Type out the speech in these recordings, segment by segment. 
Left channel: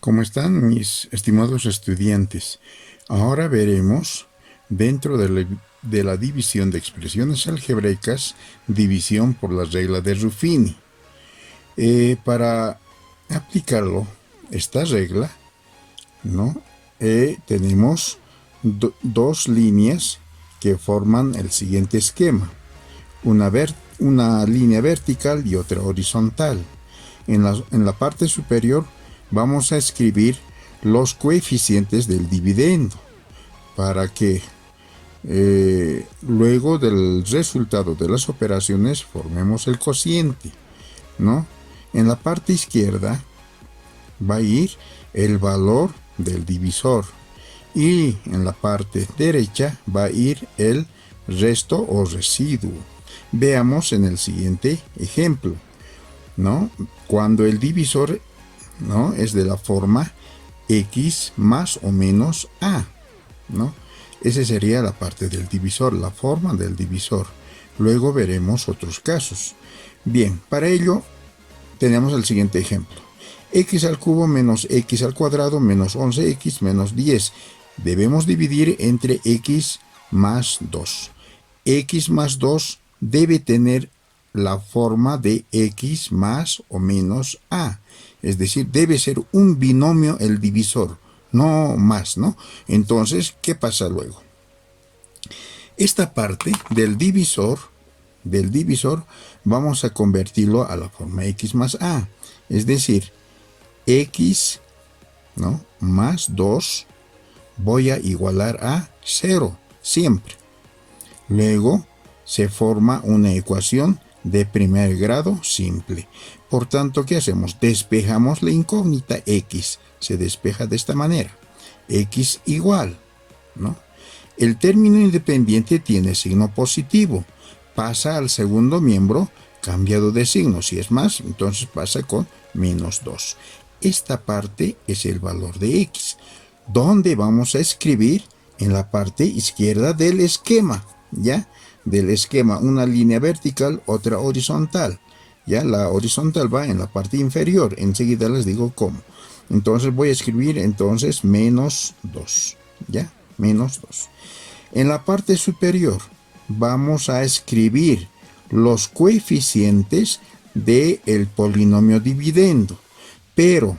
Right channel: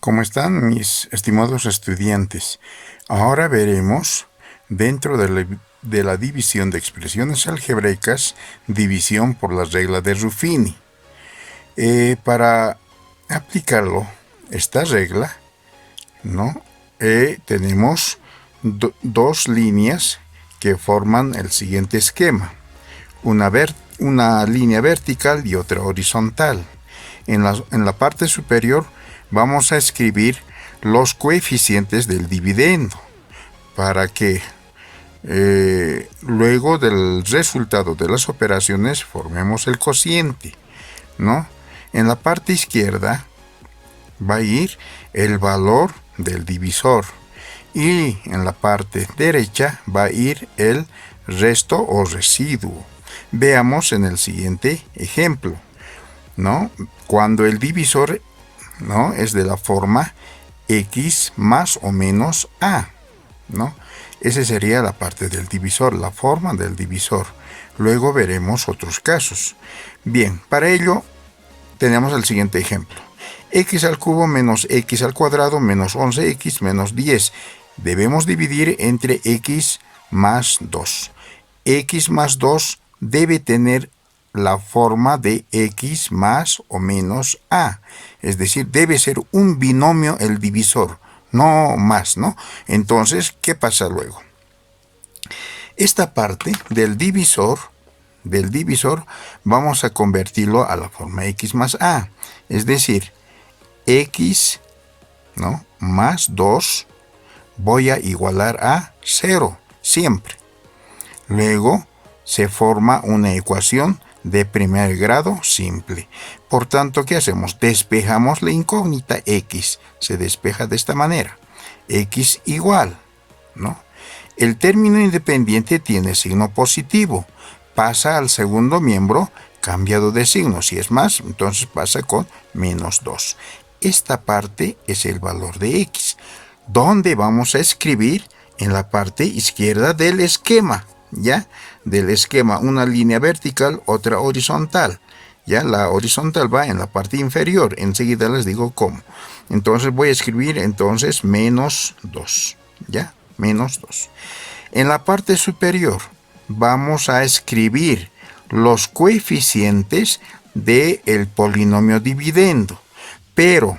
¿Cómo están mis estimados estudiantes? Ahora veremos, dentro de la división de expresiones algebraicas, división por la regla de Ruffini. Para aplicarlo, esta regla, ¿no? Tenemos dos líneas que forman el siguiente esquema. Una línea vertical y otra horizontal. En la parte superior vamos a escribir los coeficientes del dividendo para que luego del resultado de las operaciones formemos el cociente, ¿no? En la parte izquierda va a ir el valor del divisor y en la parte derecha va a ir el resto o residuo. Veamos en el siguiente ejemplo, ¿no? Cuando el divisor, ¿no?, es de la forma x más o menos a, ¿no? Esa sería la parte del divisor, la forma del divisor. Luego veremos otros casos. Bien, para ello tenemos el siguiente ejemplo. X al cubo menos x al cuadrado menos 11x menos 10. Debemos dividir entre x más 2. X más 2 debe tener la forma de x más o menos a. Es decir, debe ser un binomio el divisor, no más, ¿no? Entonces, ¿qué pasa luego? Esta parte del divisor vamos a convertirlo a la forma x más a. Es decir, x, ¿no?, más 2 voy a igualar a 0 siempre. Luego se forma una ecuación de primer grado simple. Por tanto, ¿qué hacemos? Despejamos la incógnita x. Se despeja de esta manera. X igual, ¿no? El término independiente tiene signo positivo. Pasa al segundo miembro cambiado de signo. Si es más, entonces pasa con menos 2. Esta parte es el valor de x, donde vamos a escribir en la parte izquierda del esquema, ¿ya? Del esquema, una línea vertical, otra horizontal. Ya la horizontal va en la parte inferior. Enseguida les digo cómo. Entonces voy a escribir entonces menos 2. ¿Ya? Menos 2. En la parte superior vamos a escribir los coeficientes del polinomio dividendo. Pero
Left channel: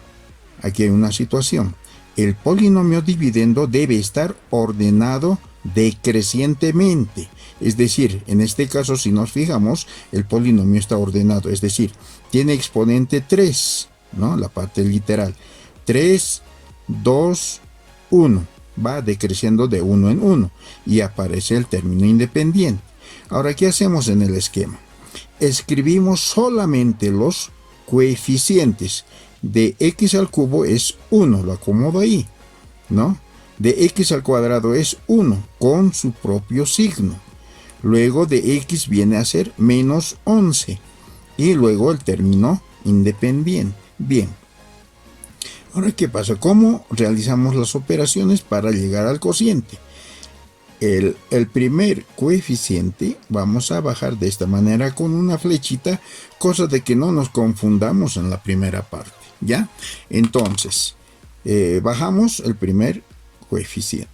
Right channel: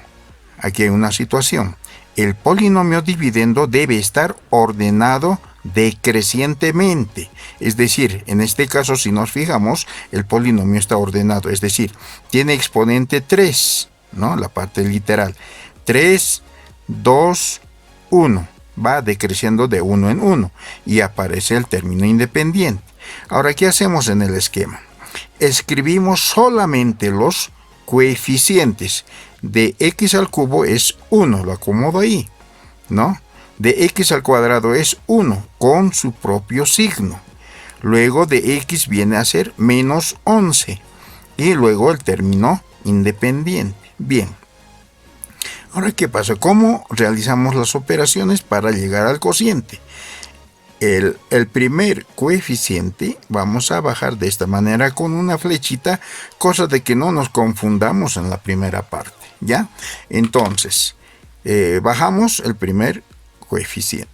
aquí hay una situación. El polinomio dividendo debe estar ordenado decrecientemente. Es decir, en este caso, si nos fijamos, el polinomio está ordenado. Es decir, tiene exponente 3, ¿no? La parte literal. 3, 2, 1. Va decreciendo de 1 en 1 y aparece el término independiente. Ahora, ¿qué hacemos en el esquema? Escribimos solamente los coeficientes. De x al cubo es 1, lo acomodo ahí, ¿no? De x al cuadrado es 1 con su propio signo. Luego de x viene a ser menos 11 y luego el término independiente. Bien. Ahora, ¿qué pasa? ¿Cómo realizamos las operaciones para llegar al cociente? El primer coeficiente vamos a bajar de esta manera con una flechita, cosa de que no nos confundamos en la primera parte, ¿ya? Entonces, bajamos el primer coeficiente,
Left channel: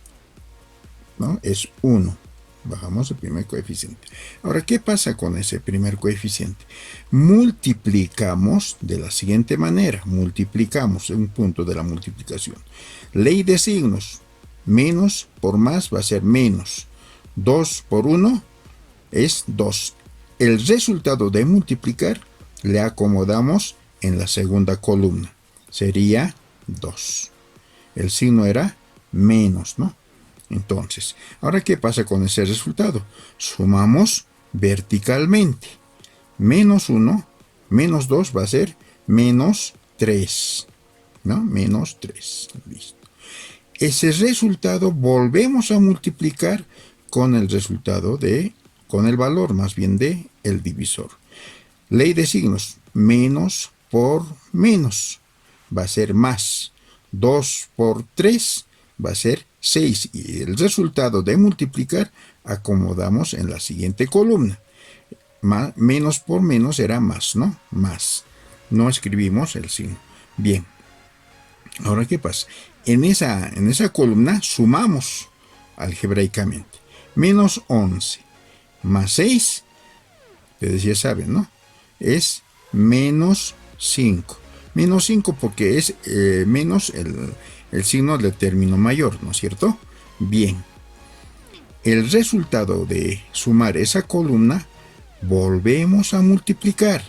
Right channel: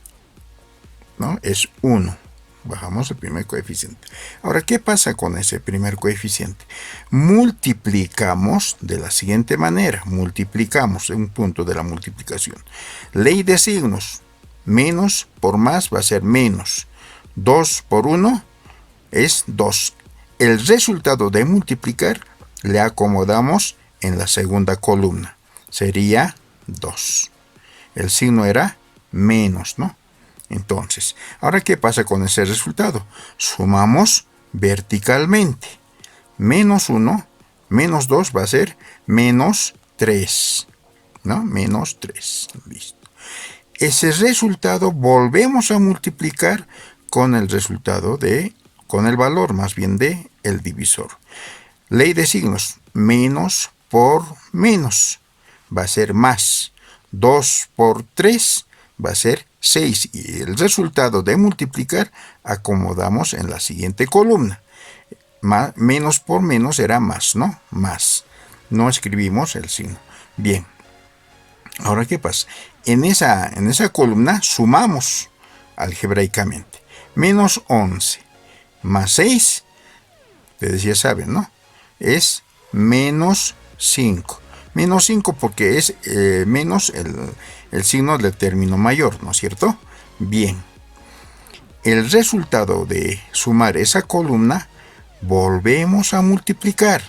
¿no? Es 1. Bajamos el primer coeficiente. Ahora, ¿qué pasa con ese primer coeficiente? Multiplicamos de la siguiente manera. Multiplicamos en un punto de la multiplicación. Ley de signos. Menos por más va a ser menos. 2 por 1 es 2. El resultado de multiplicar le acomodamos en la segunda columna. Sería 2. El signo era menos, ¿no? Entonces, ahora, ¿qué pasa con ese resultado? Sumamos verticalmente. Menos 1, menos 2 va a ser menos 3, ¿no? Menos 3. Listo. Ese resultado volvemos a multiplicar con el resultado con el valor más bien de el divisor. Ley de signos. Menos por menos va a ser más. 2 por 3 va a ser 6 y el resultado de multiplicar acomodamos en la siguiente columna. Menos por menos era más, ¿no? Más. No escribimos el signo. Bien. Ahora, ¿qué pasa? En esa columna sumamos algebraicamente. Menos 11 más 6, ustedes ya saben, ¿no? Es menos 5. Menos 5 porque es menos el signo del término mayor, ¿no es cierto? Bien. El resultado de sumar esa columna, volvemos a multiplicar.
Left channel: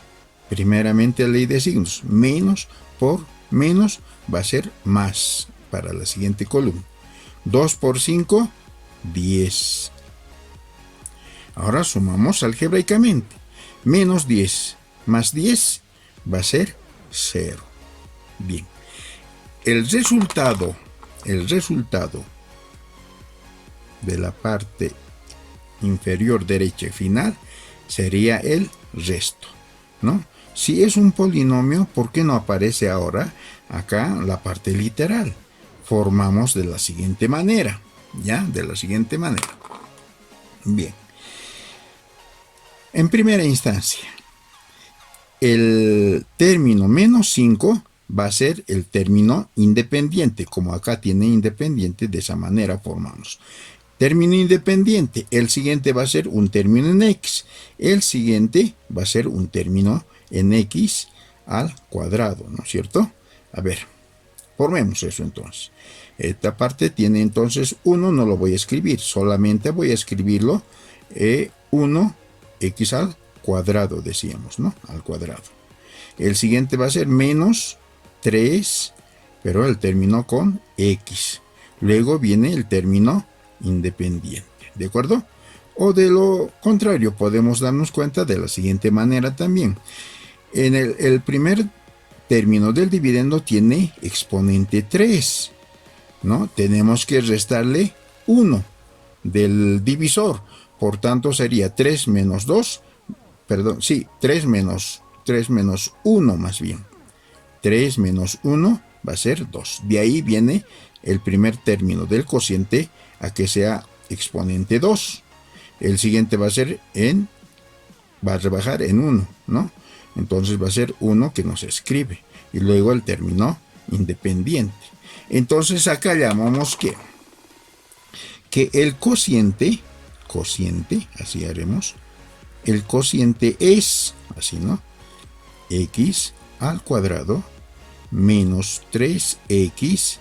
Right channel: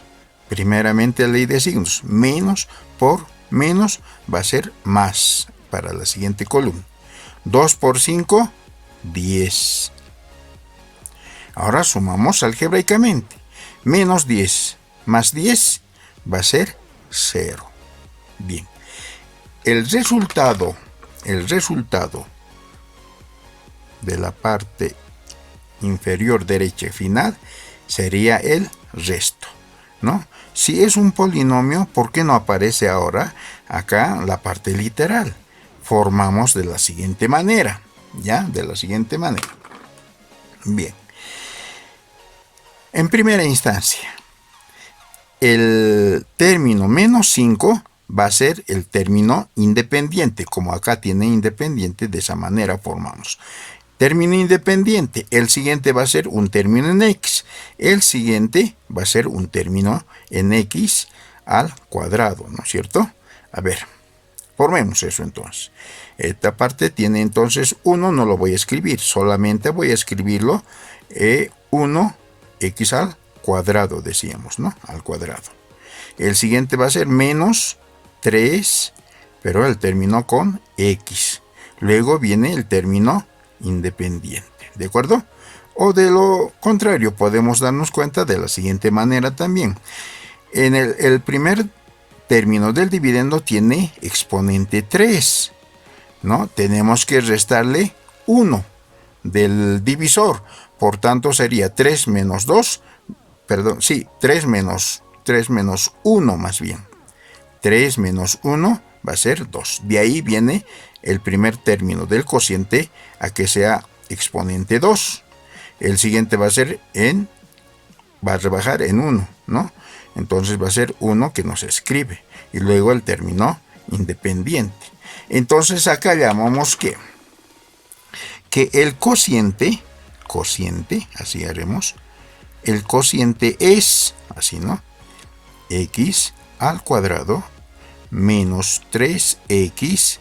Primeramente la ley de signos. Menos por menos va a ser más para la siguiente columna. 2 por 5, 10. Ahora sumamos algebraicamente. Menos 10 más 10 va a ser 0. Bien. El resultado de la parte inferior derecha final sería el resto, ¿no? Si es un polinomio, ¿por qué no aparece ahora acá la parte literal? Formamos de la siguiente manera, ¿ya? De la siguiente manera. Bien. En primera instancia, el término menos 5 va a ser el término independiente. Como acá tiene independiente, de esa manera formamos. Término independiente. El siguiente va a ser un término en x. El siguiente va a ser un término en x al cuadrado, ¿no es cierto? A ver, formemos eso entonces. Esta parte tiene entonces 1, no lo voy a escribir, solamente voy a escribirlo 1x al cuadrado, decíamos, ¿no? Al cuadrado. El siguiente va a ser menos 3, pero el término con x. Luego viene el término independiente, ¿de acuerdo? O de lo contrario, podemos darnos cuenta de la siguiente manera también. En el primer término del dividendo tiene exponente 3, ¿no? Tenemos que restarle 1 del divisor, por tanto sería 3 menos 2, perdón, sí, 3 menos 1 más bien. 3 menos 1 va a ser 2. De ahí viene el primer término del cociente a que sea exponente 2. El siguiente va a rebajar en 1, ¿no? Entonces va a ser 1 que no se escribe. Y luego el término independiente. Entonces acá llamamos que el cociente, así haremos, el cociente es, así, ¿no? X al cuadrado menos 3x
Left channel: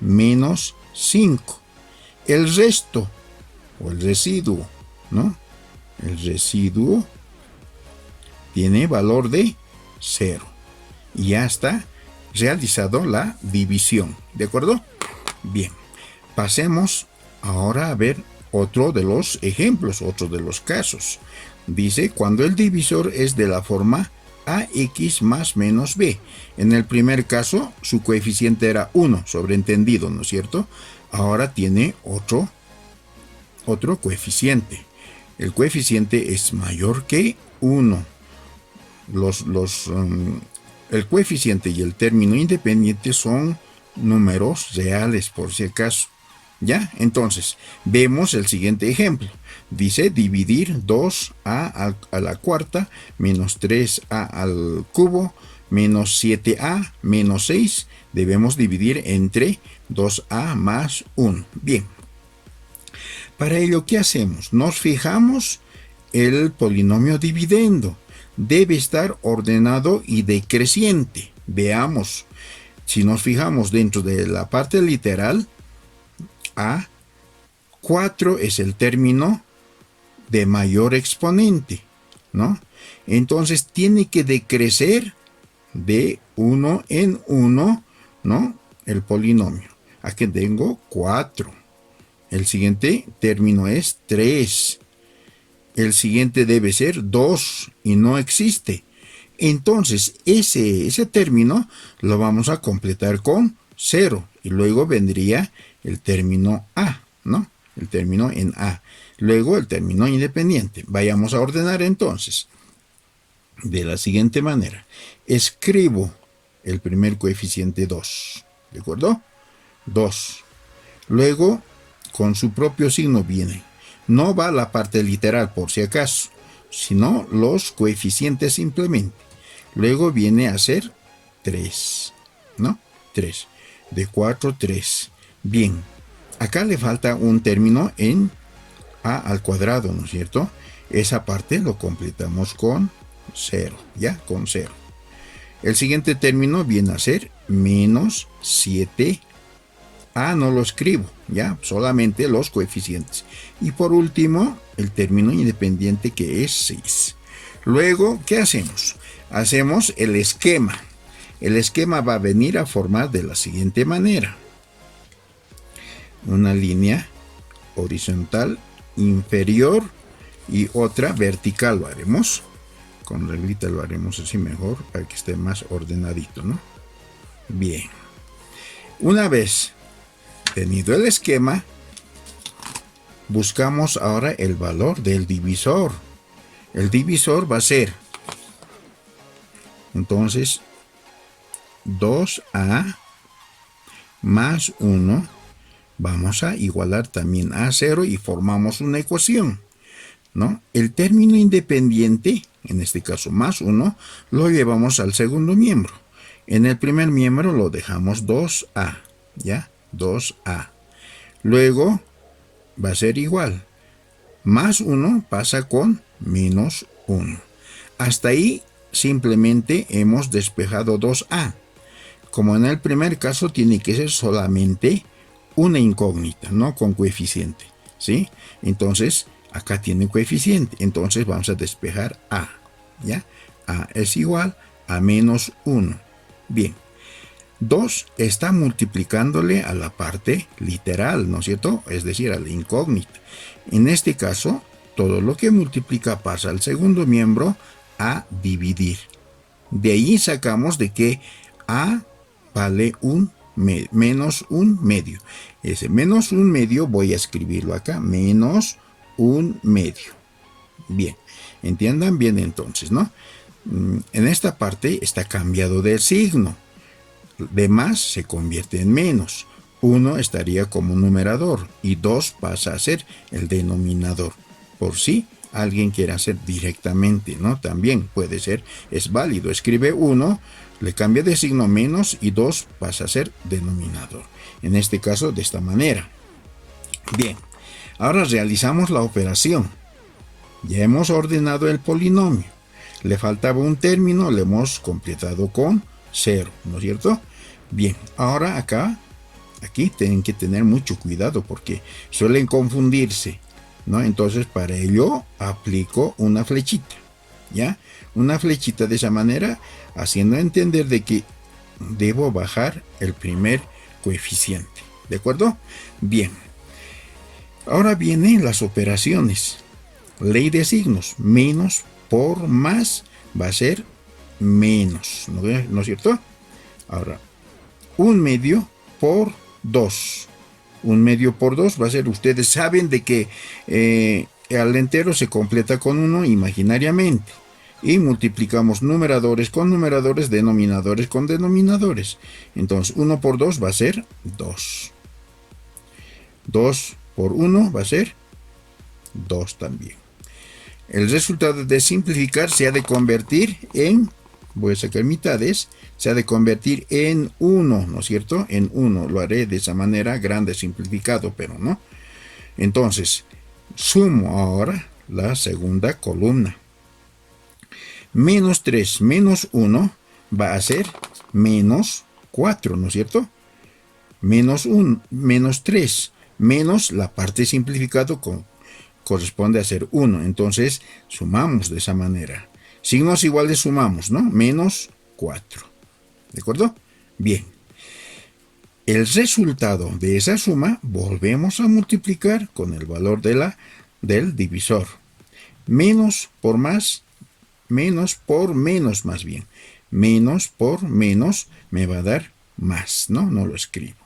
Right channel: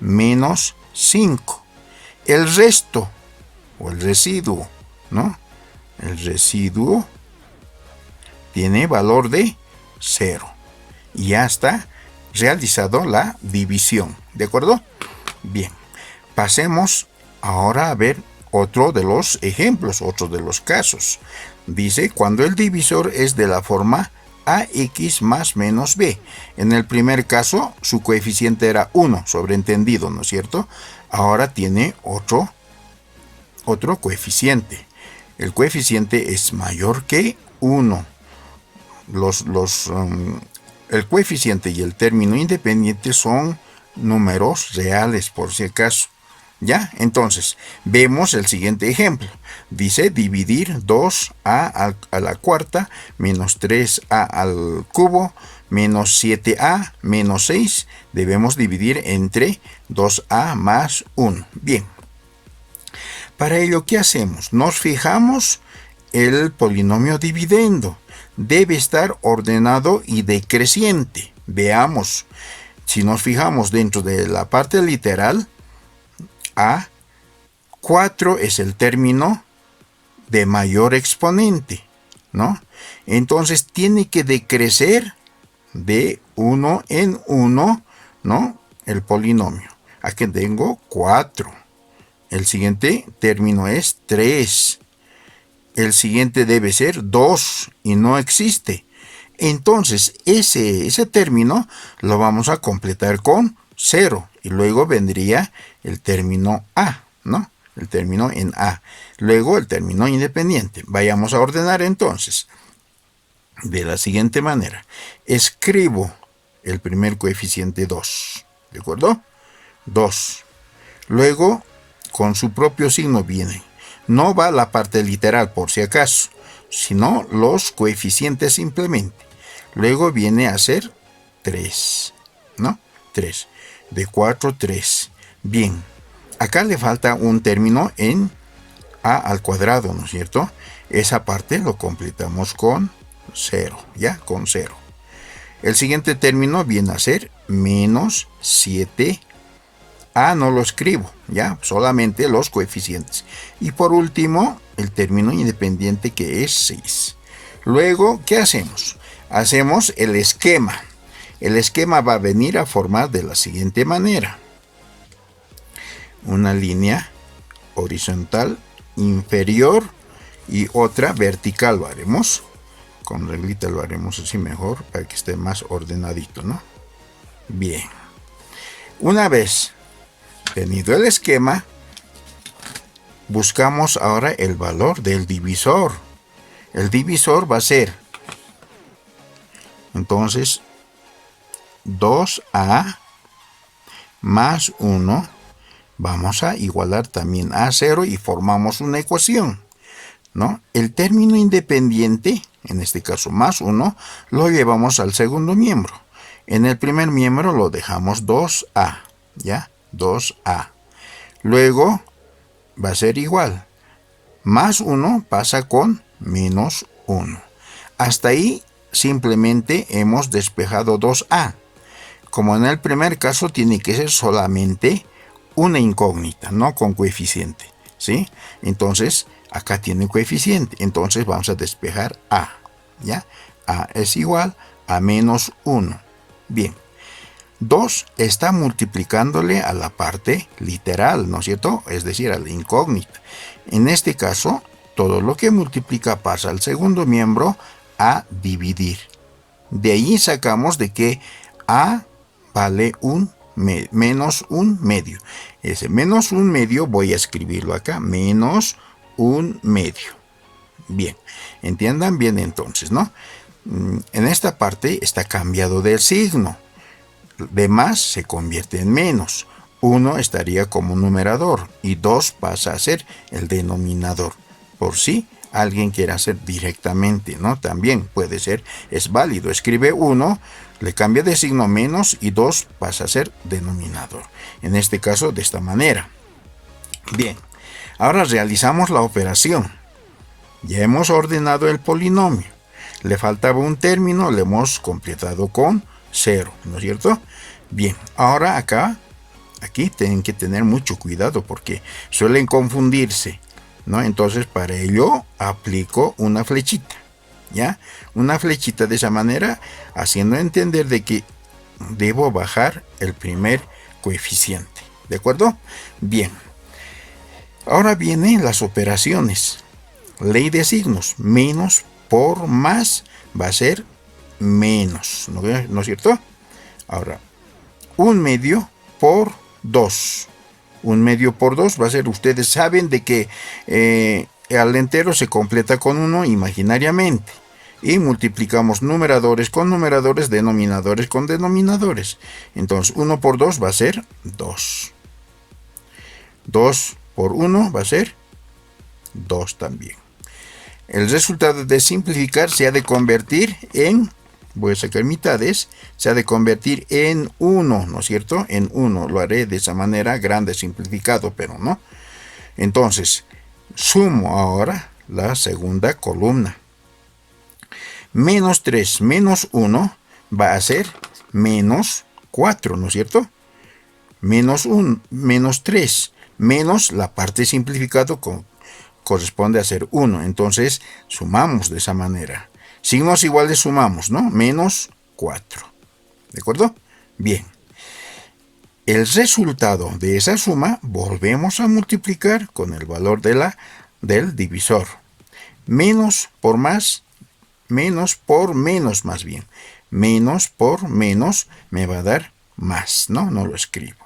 menos 5. El resto, o el residuo, ¿no? El residuo tiene valor de 0. Y ya está realizado la división, ¿de acuerdo? Bien, pasemos ahora a ver otro de los ejemplos, otro de los casos. Dice, cuando el divisor es de la forma ax más menos b. En el primer caso, su coeficiente era 1, sobreentendido, ¿no es cierto? Ahora tiene otro coeficiente. El coeficiente es mayor que 1. El coeficiente y el término independiente son números reales, por si acaso. ¿Ya? Entonces, vemos el siguiente ejemplo. Dice dividir 2a a la cuarta menos 3a al cubo menos 7a menos 6. Debemos dividir entre 2a más 1. Bien. Para ello, ¿qué hacemos? Nos fijamos el polinomio dividendo. Debe estar ordenado y decreciente. Veamos. Si nos fijamos dentro de la parte literal, A4 es el término de mayor exponente, ¿no? Entonces tiene que decrecer de 1 en 1, ¿no? El polinomio. Aquí tengo 4. El siguiente término es 3. El siguiente debe ser 2 y no existe. Entonces ese término lo vamos a completar con 0 y luego vendría el término A, ¿no? El término en A. Luego el término independiente. Vayamos a ordenar entonces de la siguiente manera. Escribo el primer coeficiente 2, ¿de acuerdo? 2. Luego, con su propio signo viene. No va la parte literal por si acaso, sino los coeficientes simplemente. Luego viene a ser 3, ¿no? 3. de 4, 3. Bien, acá le falta un término en a al cuadrado, ¿no es cierto? Esa parte lo completamos con 0, ¿ya? Con 0. El siguiente término viene a ser menos 7. No lo escribo, ¿ya? Solamente los coeficientes. Y por último, el término independiente que es 6. Luego, ¿qué hacemos? Hacemos el esquema. El esquema va a venir a formar de la siguiente manera. Una línea horizontal inferior y otra vertical lo haremos. Con reglita lo haremos así mejor para que esté más ordenadito, ¿no? Bien. Una vez tenido el esquema, buscamos ahora el valor del divisor. El divisor va a ser, entonces, 2a más 1. Vamos a igualar también a 0 y formamos una ecuación, ¿no? El término independiente, en este caso más 1, lo llevamos al segundo miembro. En el primer miembro lo dejamos 2a, ¿ya? 2a. Luego va a ser igual. Más 1 pasa con menos 1. Hasta ahí simplemente hemos despejado 2a. Como en el primer caso tiene que ser solamente una incógnita, no con coeficiente, ¿sí? Entonces, acá tiene coeficiente, entonces vamos a despejar a, ¿ya? A es igual a menos 1. Bien, 2 está multiplicándole a la parte literal, ¿no es cierto? Es decir, a la incógnita. En este caso, todo lo que multiplica pasa al segundo miembro a dividir. De ahí sacamos de que a vale menos 1 medio. Ese menos 1 medio voy a escribirlo acá, menos 1 medio. Bien, entiendan bien entonces, ¿no? En esta parte está cambiado del signo. De más se convierte en menos. 1 estaría como numerador y 2 pasa a ser el denominador. Por si alguien quiere hacer directamente, ¿no? También puede ser, es válido. Escribe 1, le cambia de signo menos y 2 pasa a ser denominador. En este caso, de esta manera. Bien, ahora realizamos la operación. Ya hemos ordenado el polinomio. Le faltaba un término, le hemos completado con 0, ¿no es cierto? Bien, ahora aquí tienen que tener mucho cuidado porque suelen confundirse, ¿no? Entonces, para ello aplico una flechita, ¿ya? Una flechita de esa manera, haciendo entender de que debo bajar el primer coeficiente, ¿de acuerdo? Bien, ahora vienen las operaciones. Ley de signos, menos por más va a ser menos, ¿no es cierto? Ahora, 1 medio por 2. 1 medio por 2 va a ser, ustedes saben de que al entero se completa con 1 imaginariamente. Y multiplicamos numeradores con numeradores, denominadores con denominadores. Entonces 1 por 2 va a ser 2. 2 por 1 va a ser 2 también. El resultado de simplificar se ha de convertir en, voy a sacar mitades, se ha de convertir en 1, ¿no es cierto? En 1, lo haré de esa manera, grande simplificado, pero no. Entonces, sumo ahora la segunda columna. Menos 3 menos 1 va a ser menos 4, ¿no es cierto? Menos 1, menos 3, menos la parte simplificado corresponde a ser 1. Entonces, sumamos de esa manera. Signos iguales sumamos, ¿no? Menos 4. ¿De acuerdo? Bien. El resultado de esa suma volvemos a multiplicar con el valor del divisor. Menos por más, menos por menos más bien. Menos por menos me va a dar más, ¿no? No lo escribo.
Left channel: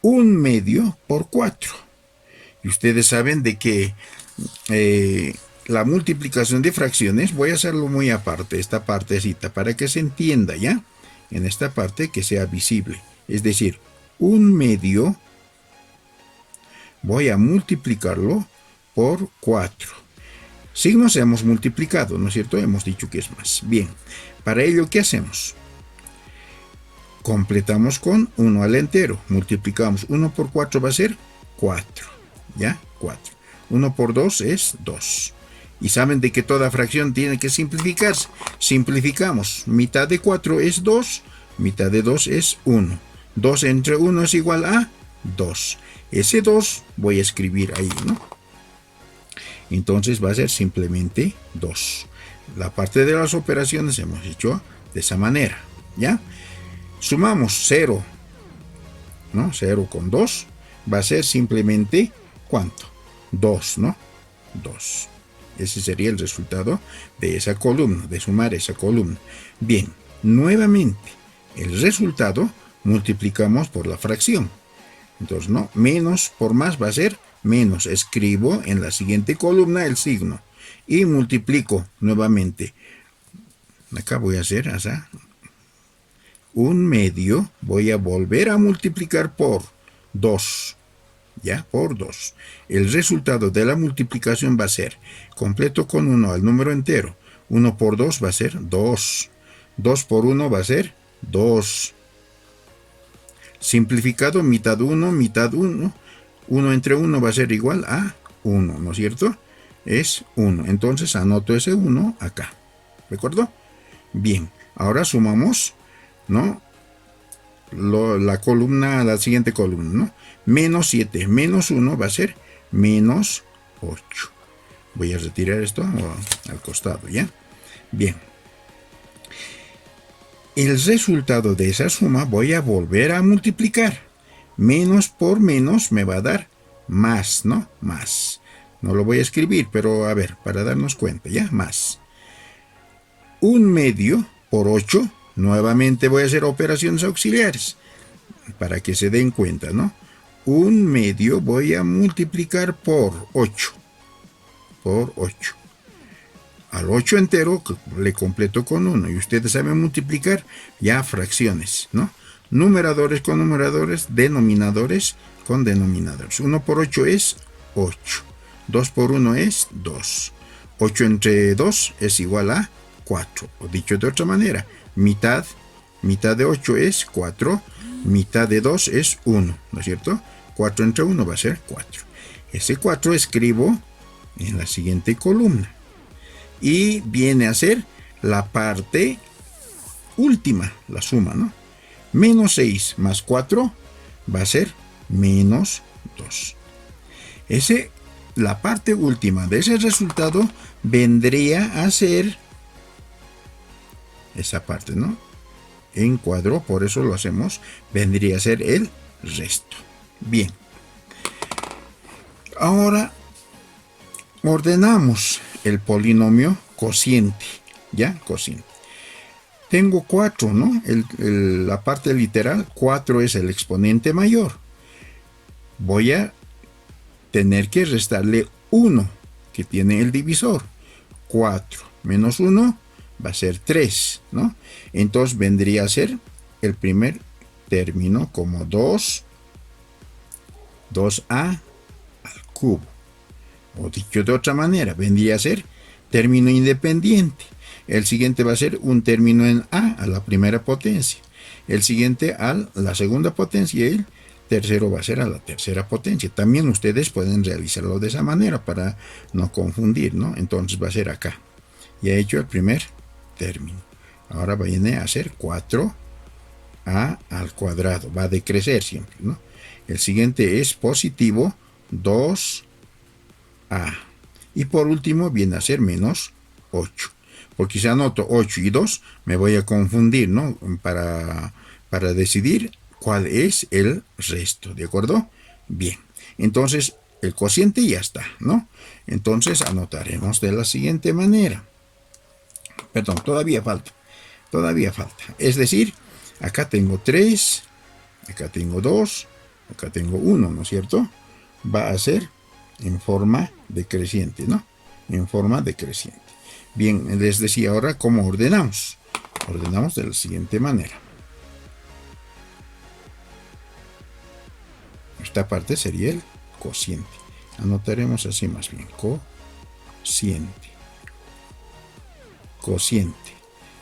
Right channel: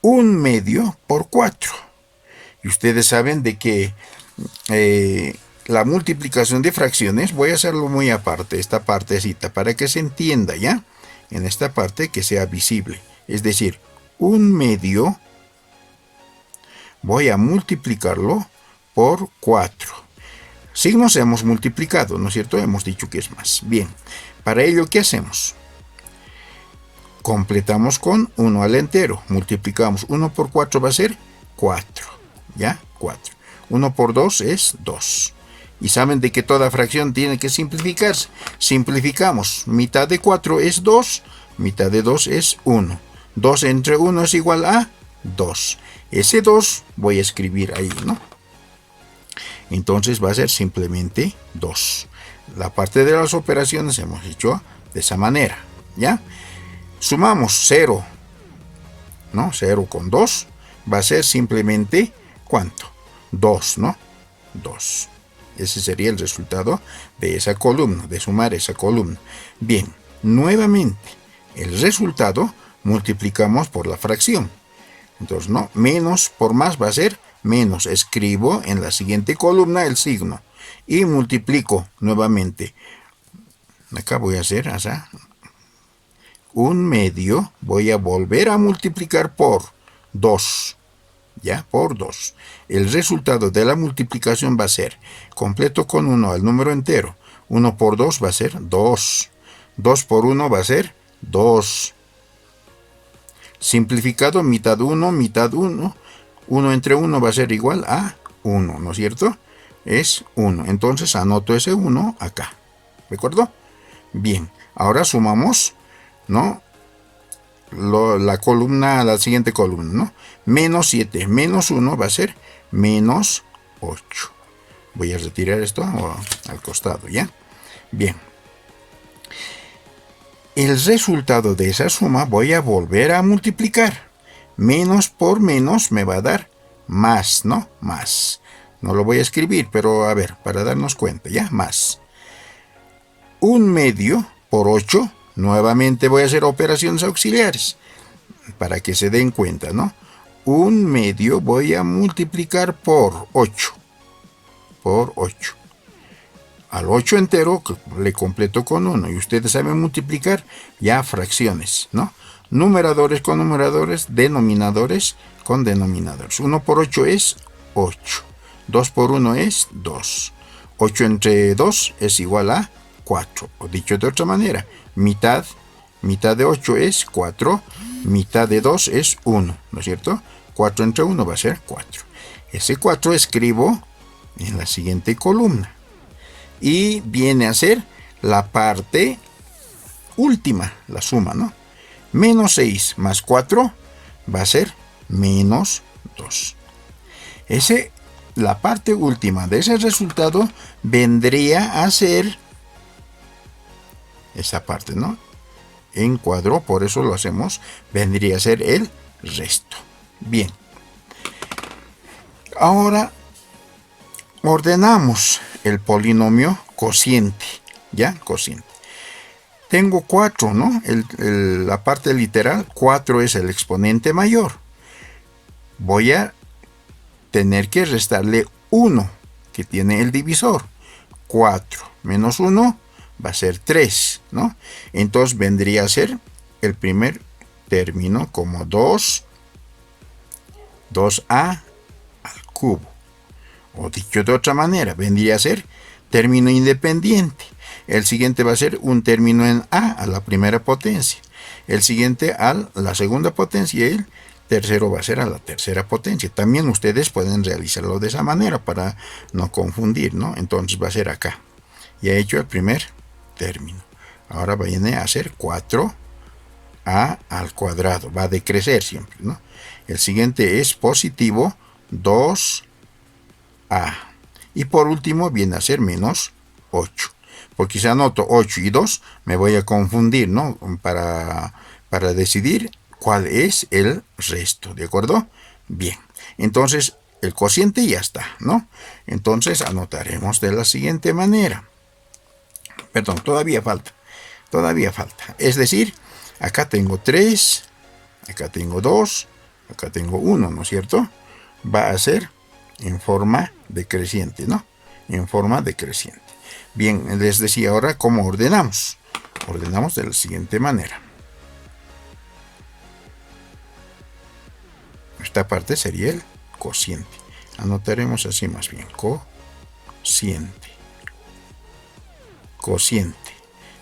1 medio por 4. Y ustedes saben de que la multiplicación de fracciones, voy a hacerlo muy aparte, esta partecita, para que se entienda, ¿ya? En esta parte que sea visible. Es decir, 1 medio voy a multiplicarlo por 4. Signos hemos multiplicado, ¿no es cierto? Hemos dicho que es más. Bien, para ello, ¿qué hacemos? completamos con 1 al entero. Multiplicamos 1 por 4 va a ser 4. ¿Ya? 4. 1 por 2 es 2. Y saben de que toda fracción tiene que simplificarse. Simplificamos. Mitad de 4 es 2. Mitad de 2 es 1. 2 entre 1 es igual a 2. Ese 2 voy a escribir ahí, ¿no? Entonces va a ser simplemente 2. La parte de las operaciones hemos hecho de esa manera, ¿ya? Sumamos 0, ¿no? 0 con 2 va a ser simplemente, ¿cuánto? 2, ¿no? 2. Ese sería el resultado de esa columna, de sumar esa columna. Bien, nuevamente, el resultado multiplicamos por la fracción. Entonces, ¿no? Menos por más va a ser menos. Escribo en la siguiente columna el signo y multiplico nuevamente. Acá voy a hacer así. 1/2 voy a volver a multiplicar por 2. ¿Ya? Por 2. El resultado de la multiplicación va a ser, completo con 1 al número entero. 1 por 2 va a ser 2. 2 por 1 va a ser 2. Simplificado, mitad 1, mitad 1. 1 entre 1 va a ser igual a 1, ¿no es cierto? Es 1. Entonces anoto ese 1 acá. ¿De acuerdo? Bien. Ahora sumamos, ¿no? La columna a la siguiente columna, ¿no? Menos 7 menos 1 va a ser menos 8. Voy a retirar esto al costado, ¿ya? Bien. El resultado de esa suma voy a volver a multiplicar. Menos por menos me va a dar más, ¿no? Más. No lo voy a escribir, pero a ver, para darnos cuenta, ¿ya? Más. 1/2 por 8. Nuevamente voy a hacer operaciones auxiliares para que se den cuenta, ¿no? 1/2 voy a multiplicar por 8. Por 8. Al 8 entero le completo con 1. Y ustedes saben multiplicar ya fracciones, ¿no? Numeradores con numeradores, denominadores con denominadores. 1 por 8 es 8. 2 por 1 es 2. 8 entre 2 es igual a 4. O dicho de otra manera, mitad de 8 es 4. Mitad de 2 es 1, ¿no es cierto? 4 entre 1 va a ser 4. Ese 4 escribo en la siguiente columna. Y viene a ser la parte última, la suma, ¿no? Menos 6 más 4 va a ser menos 2. La parte última de ese resultado vendría a ser esa parte, ¿no? En cuadro, por eso lo hacemos, vendría a ser el resto. Bien. Ahora ordenamos el polinomio cociente, ¿ya? Cociente. Tengo 4, ¿no? La parte literal, 4 es el exponente mayor. Voy a tener que restarle 1, que tiene el divisor. 4 menos 1 va a ser 3, ¿no? Entonces vendría a ser el primer término como 2a al cubo. O dicho de otra manera, vendría a ser término independiente. El siguiente va a ser un término en a la primera potencia. El siguiente a la segunda potencia y el tercero va a ser a la tercera potencia. También ustedes pueden realizarlo de esa manera para no confundir, ¿no? Entonces va a ser acá. Ya he hecho el primer término. Ahora viene a ser 4a al cuadrado. Va a decrecer siempre, ¿no? El siguiente es positivo 2a. Y por último viene a ser menos 8. Porque si anoto 8 y 2 me voy a confundir, ¿no? Para decidir cuál es el resto, ¿de acuerdo? Bien, entonces el cociente ya está, ¿no? Entonces anotaremos de la siguiente manera. Perdón, todavía falta. Es decir, acá tengo 3, acá tengo 2, acá tengo 1, ¿no es cierto? Va a ser en forma decreciente, ¿no? En forma decreciente. Bien, les decía ahora cómo ordenamos. Ordenamos de la siguiente manera. Esta parte sería el cociente. Anotaremos así más bien. Cociente. Cociente.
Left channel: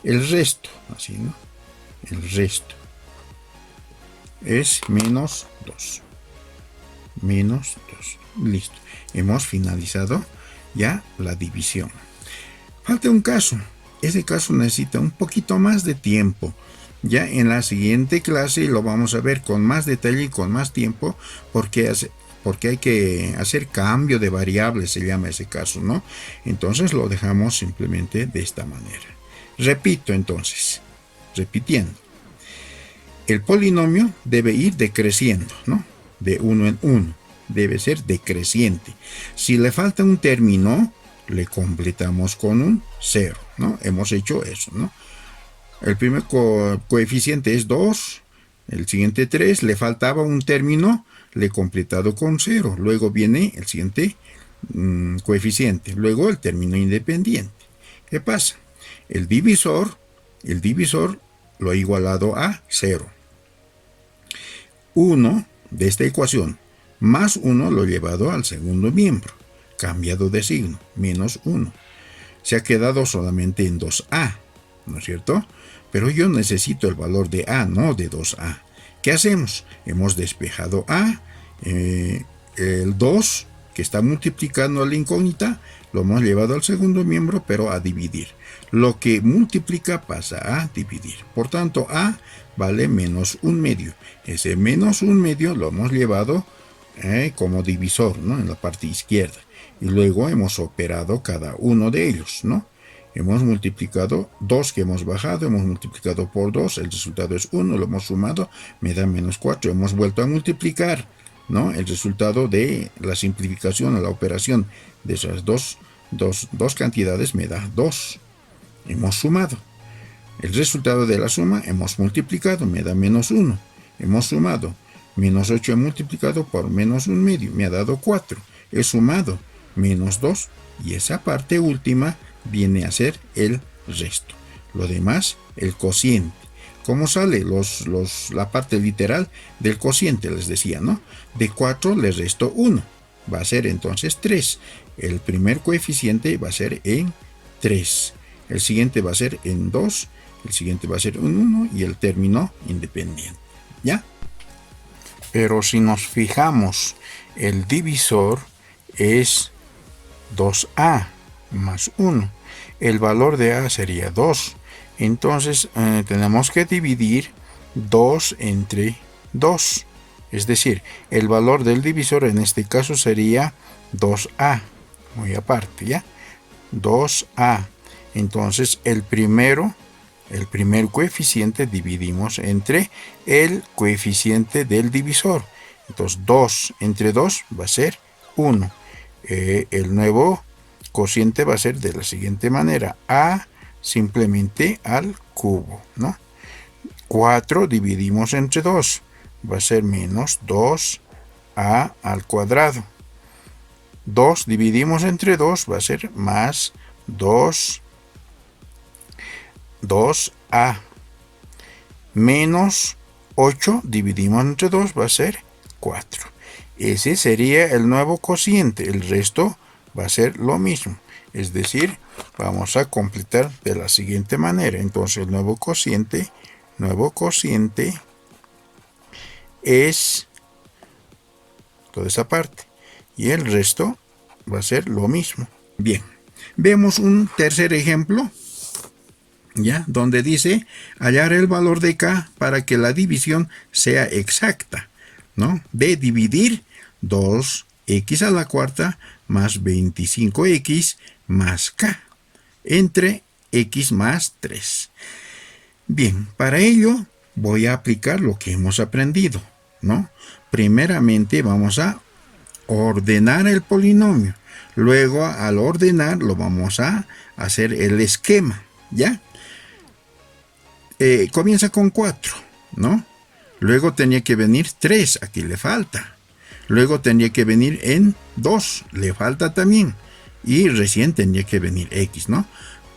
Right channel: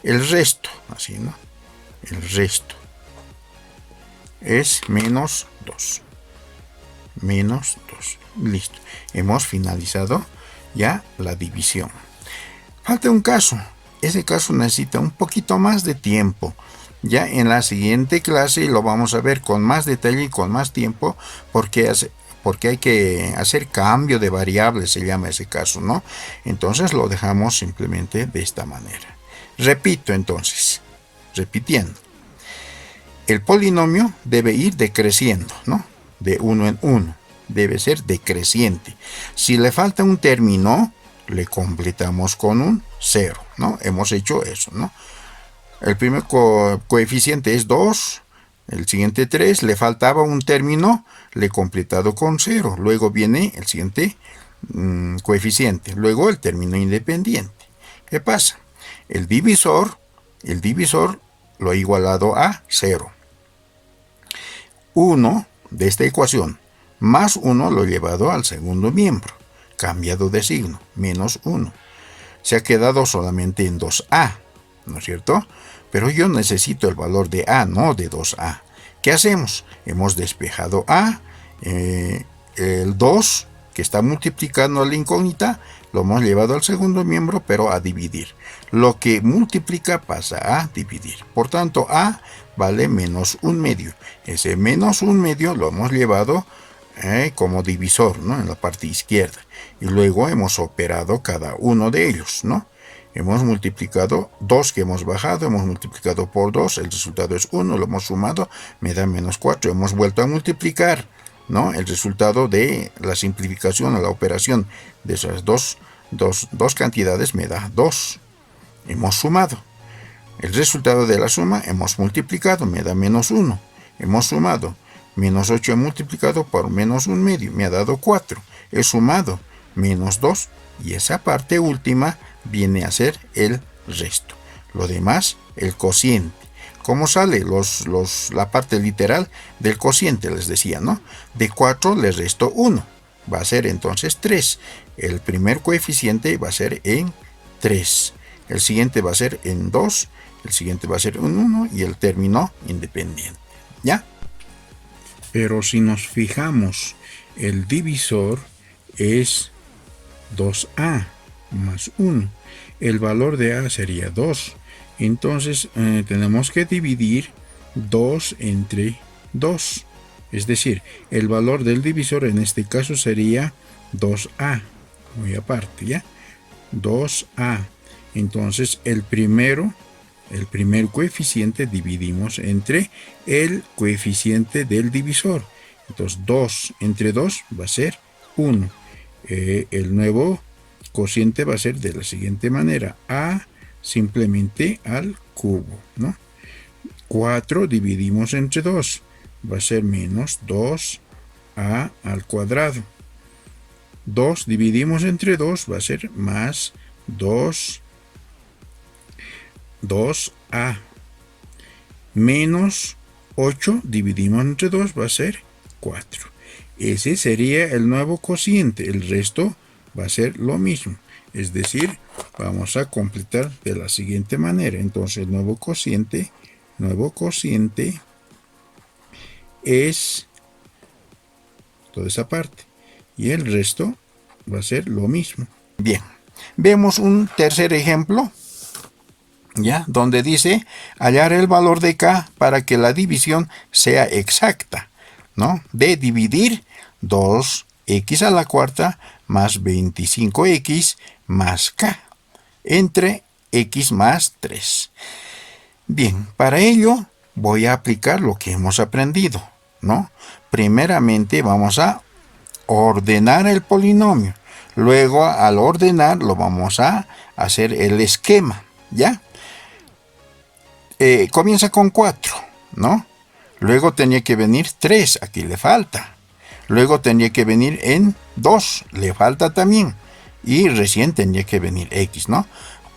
El resto, así, ¿no? El resto. es menos 2. Menos 2. Listo. Hemos finalizado ya la división. Falta un caso. Ese caso necesita un poquito más de tiempo. Ya en la siguiente clase lo vamos a ver con más detalle y con más tiempo, porque hay que hacer cambio de variables, se llama ese caso, ¿no? Entonces lo dejamos simplemente de esta manera. Repito entonces, repitiendo. El polinomio debe ir decreciendo, ¿no? De 1 en 1. Debe ser decreciente. Si le falta un término, le completamos con un 0, ¿no? Hemos hecho eso, ¿no? El primer coeficiente es 2, el siguiente 3, le faltaba un término, le he completado con 0. Luego viene el siguiente coeficiente, luego el término independiente. ¿Qué pasa? El divisor lo he igualado a 0. 1 de esta ecuación más 1 lo he llevado al segundo miembro, cambiado de signo, menos 1. Se ha quedado solamente en 2a, ¿no es cierto? Pero yo necesito el valor de a, no de 2a. ¿Qué hacemos? Hemos despejado a, el 2 que está multiplicando a la incógnita, lo hemos llevado al segundo miembro, pero a dividir. Lo que multiplica pasa a dividir. Por tanto, a vale menos 1/2. Ese menos 1/2 lo hemos llevado como divisor, ¿no? En la parte izquierda. Y luego hemos operado cada uno de ellos, ¿no? Hemos multiplicado 2 que hemos bajado, hemos multiplicado por 2, el resultado es 1, lo hemos sumado, me da menos 4. Hemos vuelto a multiplicar, ¿no? El resultado de la simplificación o la operación de esas dos cantidades me da 2. Hemos sumado. El resultado de la suma hemos multiplicado, me da menos 1. Hemos sumado. Menos 8 he multiplicado por menos 1/2, me ha dado 4. He sumado menos 2 y esa parte última viene a ser el resto. Lo demás, el cociente. ¿Cómo sale la parte literal del cociente? Les decía, ¿no? De 4 le resto 1. Va a ser entonces 3. El primer coeficiente va a ser en 3. El siguiente va a ser en 2. El siguiente va a ser en 1 y el término independiente. ¿Ya? Pero si nos fijamos, el divisor es 2a más 1. El valor de a sería 2. Entonces tenemos que dividir 2 entre 2. Es decir, el valor del divisor en este caso sería 2a. Muy aparte, ¿ya? 2a. Entonces el primer coeficiente dividimos entre el coeficiente del divisor. Entonces 2 entre 2 va a ser 1. El nuevo cociente va a ser de la siguiente manera: a simplemente al cubo, ¿no? 4 dividimos entre 2, va a ser menos 2a al cuadrado. 2 dividimos entre 2 va a ser más 2a. Menos 8 dividimos entre 2 va a ser 4. Ese sería el nuevo cociente. El resto va a ser lo mismo. Es decir, vamos a completar de la siguiente manera. Entonces el nuevo cociente es toda esa parte. Y el resto va a ser lo mismo. Bien, vemos un tercer ejemplo, ¿ya? Donde dice hallar el valor de k para que la división sea exacta, ¿no? De dividir 2x a la cuarta más 25x más k entre x más 3. Bien, para ello voy a aplicar lo que hemos aprendido, ¿no? Primeramente vamos a ordenar el polinomio. Luego, al ordenar, lo vamos a hacer el esquema, ¿ya? Comienza con 4, ¿no? Luego tenía que venir 3, aquí le falta. Luego tenía que venir en 2, le falta también. Y recién tenía que venir x, ¿no?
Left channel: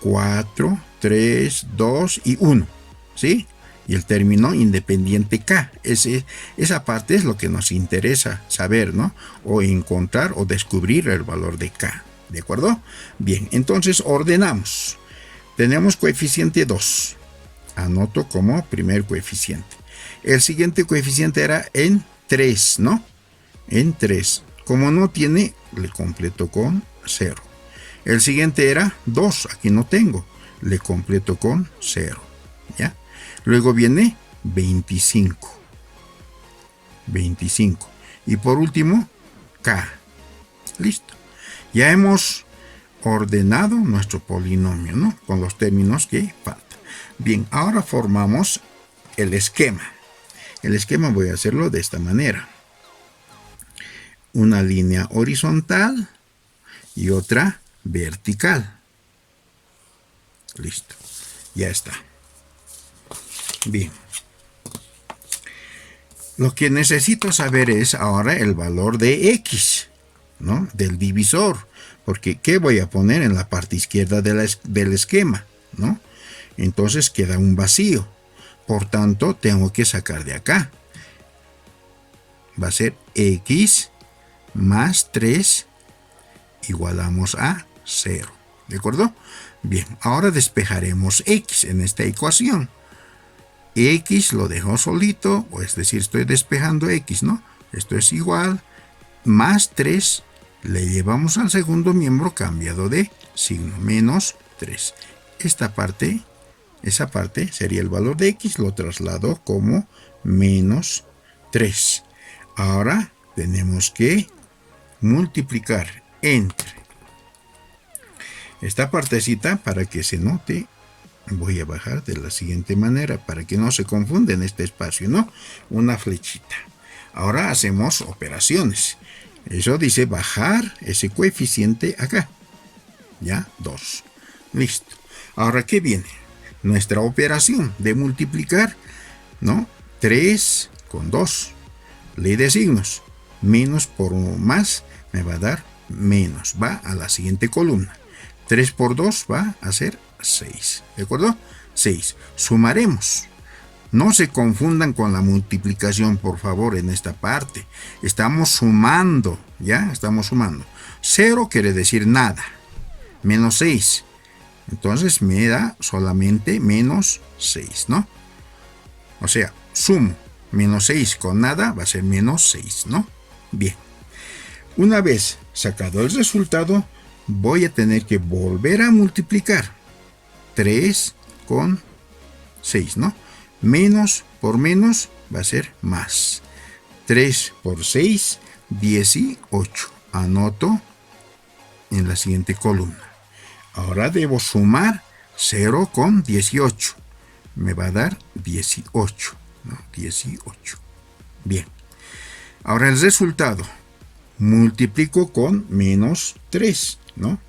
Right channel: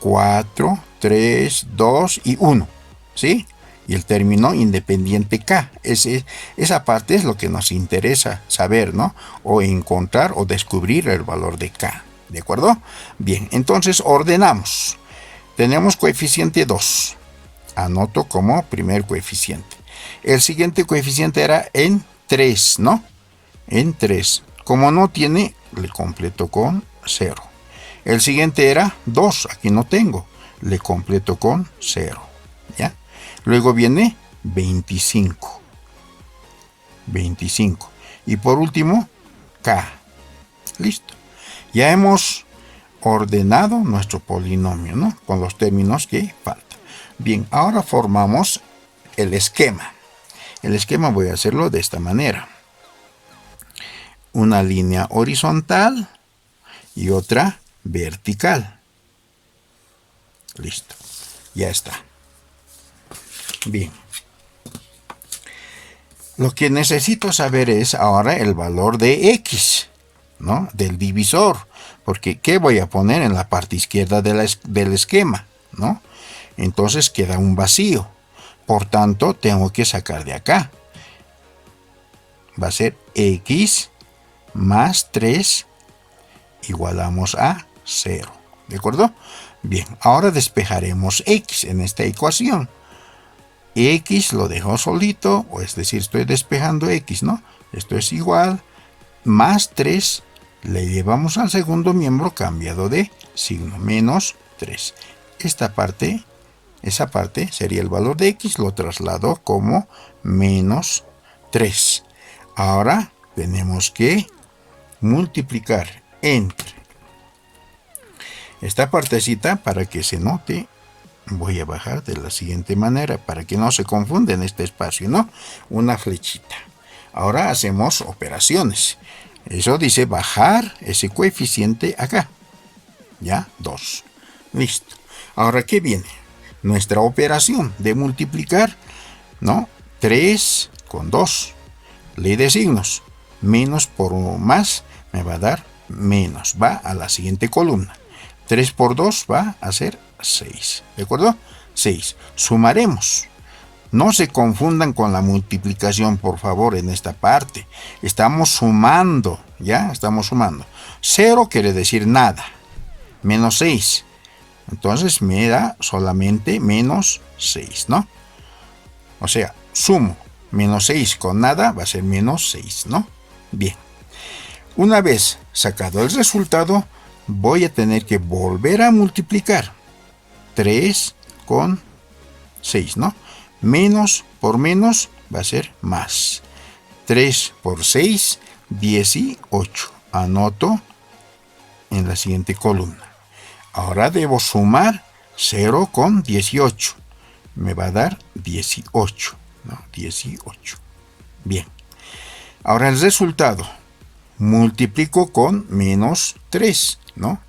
4, 3, 2 y 1, ¿sí? Y el término independiente k. Esa parte es lo que nos interesa saber, ¿no? O encontrar o descubrir el valor de k. ¿De acuerdo? Bien, entonces ordenamos. Tenemos coeficiente 2. Anoto como primer coeficiente. El siguiente coeficiente era en 3, ¿no? En 3. Como no tiene, le completo con 0. El siguiente era 2, aquí no tengo, le completo con 0, ¿ya? Luego viene 25. 25. Y por último, K. Listo. Ya hemos ordenado nuestro polinomio, ¿no? Con los términos que faltan. Bien, ahora formamos el esquema. El esquema voy a hacerlo de esta manera. Una línea horizontal y otra vertical. Listo. Ya está. Bien. Lo que necesito saber es ahora el valor de X, ¿no? Del divisor. Porque ¿qué voy a poner en la parte izquierda del esquema? ¿No? Entonces queda un vacío. Por tanto, tengo que sacar de acá. Va a ser X más 3 igualamos a 0. ¿De acuerdo? Bien, ahora despejaremos X en esta ecuación. X lo dejo solito, o es decir, estoy despejando X, ¿no? Esto es igual, más 3, le llevamos al segundo miembro cambiado de signo, menos 3. Esa parte sería el valor de X, lo traslado como menos 3. Ahora tenemos que multiplicar entre esta partecita para que se note. Voy a bajar de la siguiente manera para que no se confunda en este espacio, ¿no? Una flechita. Ahora hacemos operaciones. Eso dice bajar ese coeficiente acá. Ya, 2. Listo. Ahora, ¿qué viene? Nuestra operación de multiplicar, ¿no? 3 con 2. Ley de signos. Menos por más me va a dar menos. Va a la siguiente columna. 3 por 2 va a ser 6. ¿De acuerdo? 6. Sumaremos. No se confundan con la multiplicación, por favor, en esta parte. Estamos sumando, ¿ya? Estamos sumando. 0 quiere decir nada. Menos 6. Entonces me da solamente menos 6, ¿no? O sea, sumo menos 6 con nada va a ser menos 6, ¿no? Bien. Una vez sacado el resultado, voy a tener que volver a multiplicar 3 con 6, ¿no? Menos por menos va a ser más. 3 por 6, 18. Anoto en la siguiente columna. Ahora debo sumar 0 con 18. Me va a dar 18, ¿no? 18. Bien. Ahora el resultado. Multiplico con menos 3, ¿no?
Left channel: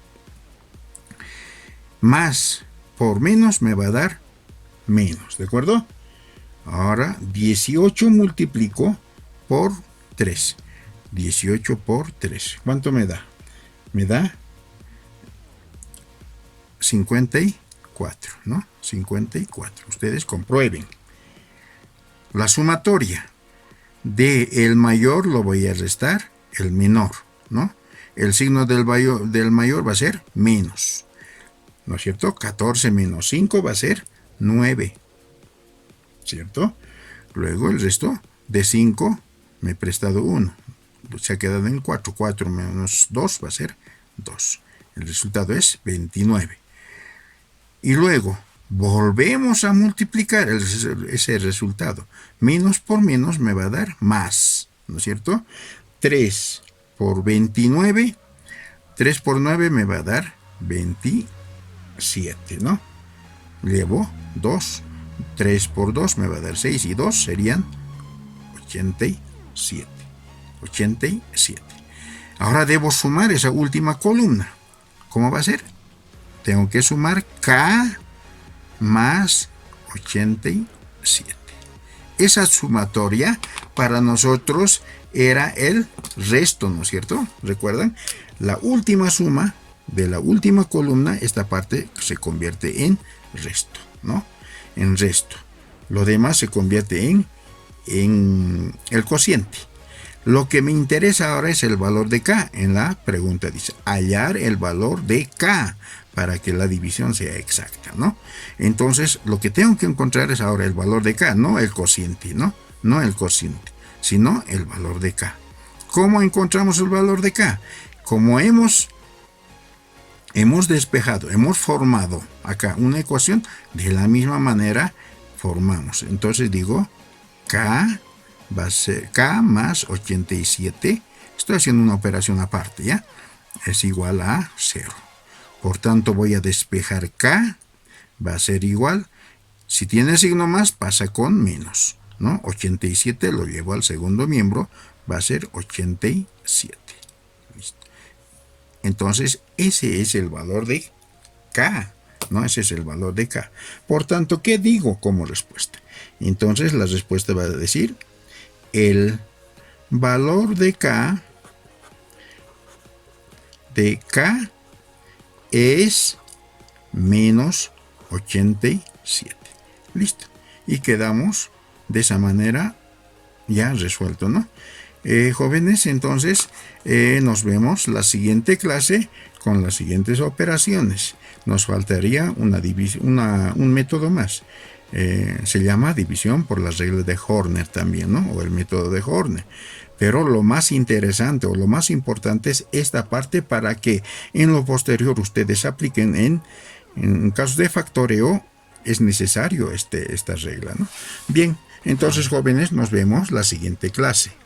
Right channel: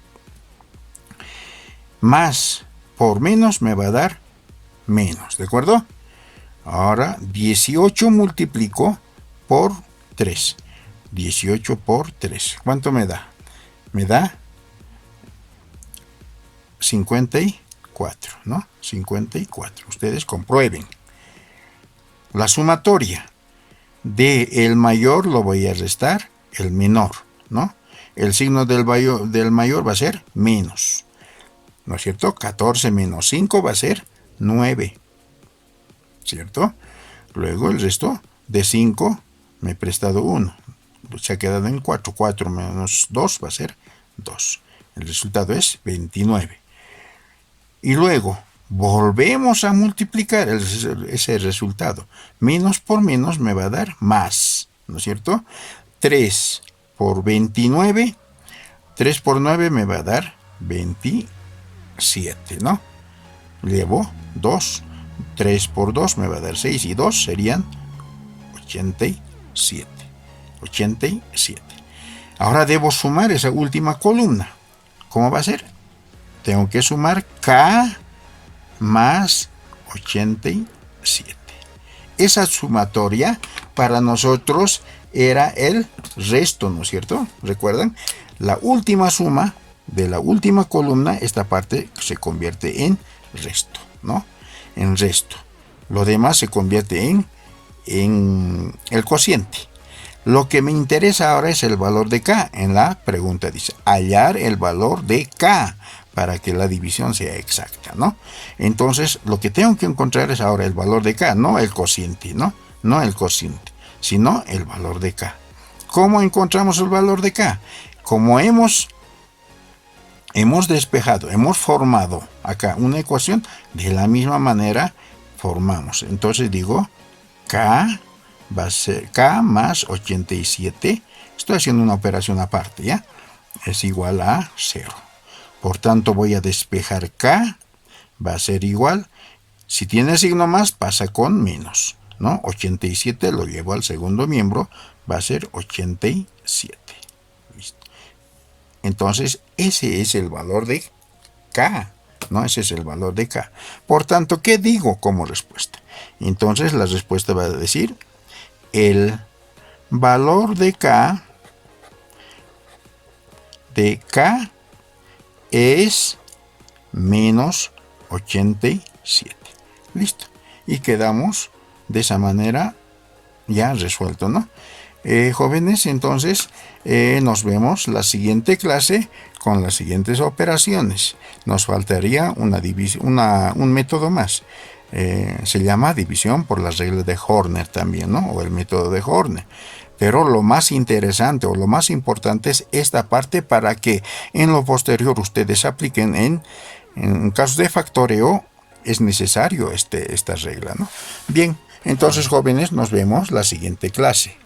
Más por menos me va a dar menos, ¿de acuerdo? Ahora 18 multiplico por 3. 18 por 3. ¿Cuánto me da? Me da 54, ¿no? 54. Ustedes comprueben. La sumatoria de el mayor lo voy a restar el menor, ¿no? El signo del mayor va a ser menos, ¿no es cierto? 14 menos 5 va a ser 9, ¿cierto? Luego el resto de 5 me he prestado 1, se ha quedado en 4. 4 menos 2 va a ser 2. El resultado es 29. Y luego volvemos a multiplicar ese resultado. Menos por menos me va a dar más, ¿no es cierto? 3 por 29. 3 por 9 me va a dar 27, ¿no? Llevo 2. 3 por 2 me va a dar 6 y 2 serían 87. 87. Ahora debo sumar esa última columna. ¿Cómo va a ser? Tengo que sumar K más 87. Esa sumatoria para nosotros era el resto, ¿no es cierto? ¿Recuerdan? La última suma de la última columna, esta parte se convierte en resto, ¿no? En resto. Lo demás se convierte en el cociente. Lo que me interesa ahora es el valor de K. En la pregunta dice, hallar el valor de K para que la división sea exacta, ¿no? Entonces, lo que tengo que encontrar es ahora el valor de K, no el cociente, ¿no? no el cociente, sino el valor de K. ¿Cómo encontramos el valor de K? Como hemos despejado, hemos formado acá una ecuación, de la misma manera formamos. Entonces digo, K va a ser K más 87. Estoy haciendo una operación aparte, ¿ya? Es igual a 0. Por tanto, voy a despejar K, va a ser igual. Si tiene signo más, pasa con menos, ¿no? 87 lo llevo al segundo miembro, va a ser 87. Listo. Entonces, ese es el valor de K, ¿no? Ese es el valor de K. Por tanto, ¿qué digo como respuesta? Entonces, la respuesta va a decir, el valor de K es menos 87. Listo. Y quedamos de esa manera ya resuelto, ¿no? Jóvenes, entonces nos vemos la siguiente clase con las siguientes operaciones. Nos faltaría un método más. Se llama división por las reglas de Horner también, ¿no? O el método de Horner. Pero lo más interesante o lo más importante es esta parte para que en lo posterior ustedes apliquen en casos de factoreo. Es necesario esta regla, ¿no? Bien, entonces jóvenes, nos vemos la siguiente clase.